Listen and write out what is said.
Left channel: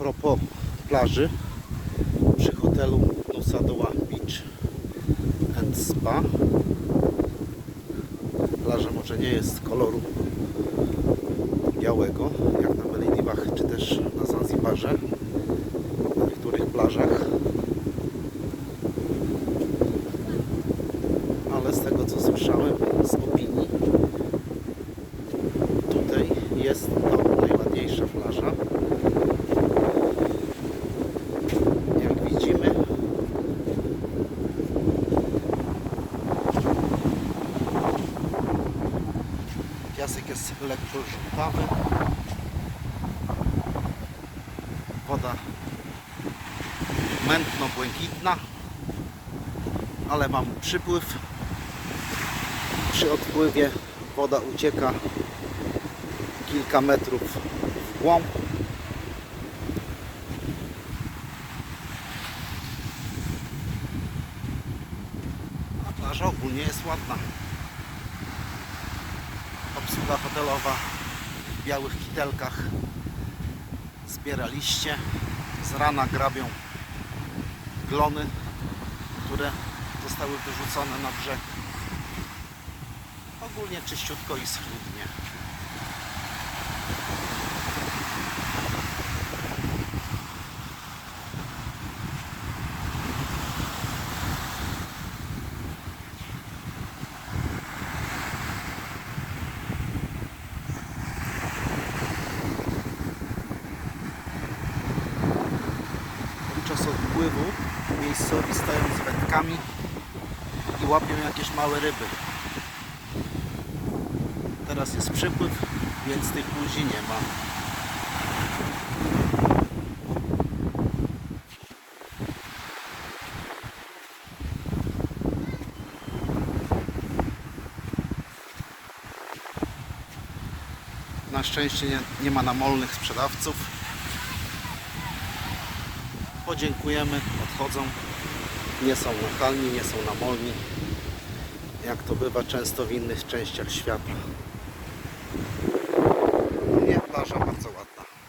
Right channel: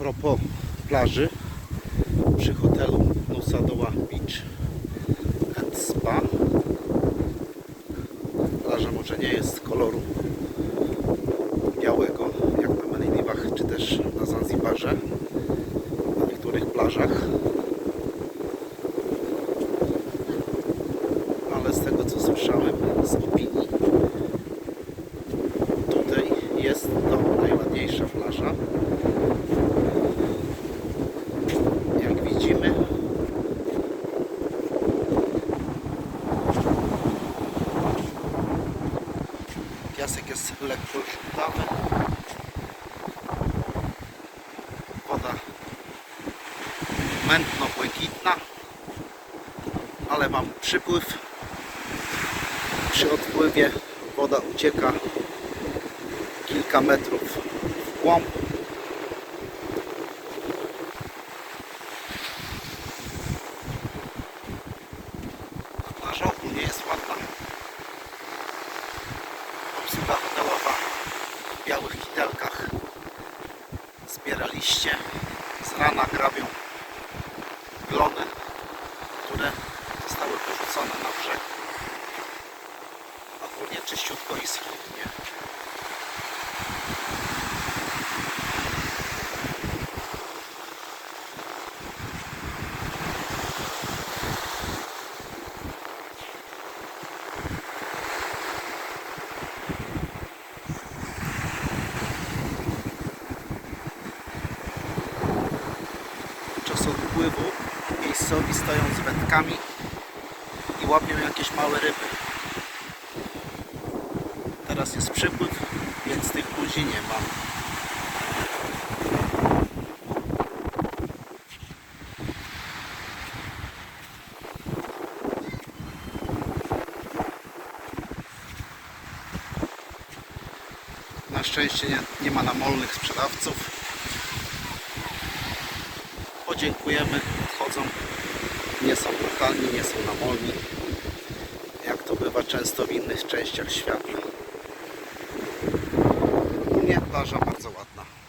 propos plaży przy hotelu Nosadoła Beach and Spa. Plaża może nie jest koloru białego, jak na Malediwach czy też na Zanzibarze, na niektórych plażach. Ale z tego co słyszałem z opinii, tutaj jest to najładniejsza plaża. Jak widzimy, piasek jest lekko żółtawy. Woda mętno-błękitna, ale mamy przypływ. Przy odpływie woda ucieka kilka metrów w głąb. A plaża ogólnie jest ładna. Obsługa hotelowa w białych kitelkach zbiera liście. Z rana grabią glony, które zostały wyrzucone na brzeg. Ogólnie czyściutko i schludnie. Podczas odpływu miejscowi stoją z wędkami i łapią jakieś małe ryby. Teraz jest przypływ, więc tych ludzi nie ma. Na szczęście nie, nie ma namolnych sprzedawców. Podziękujemy, odchodzą. Nie są nachalni, nie są namolni. Jak to bywa często w innych częściach świata. Nie, plaża bardzo ładna.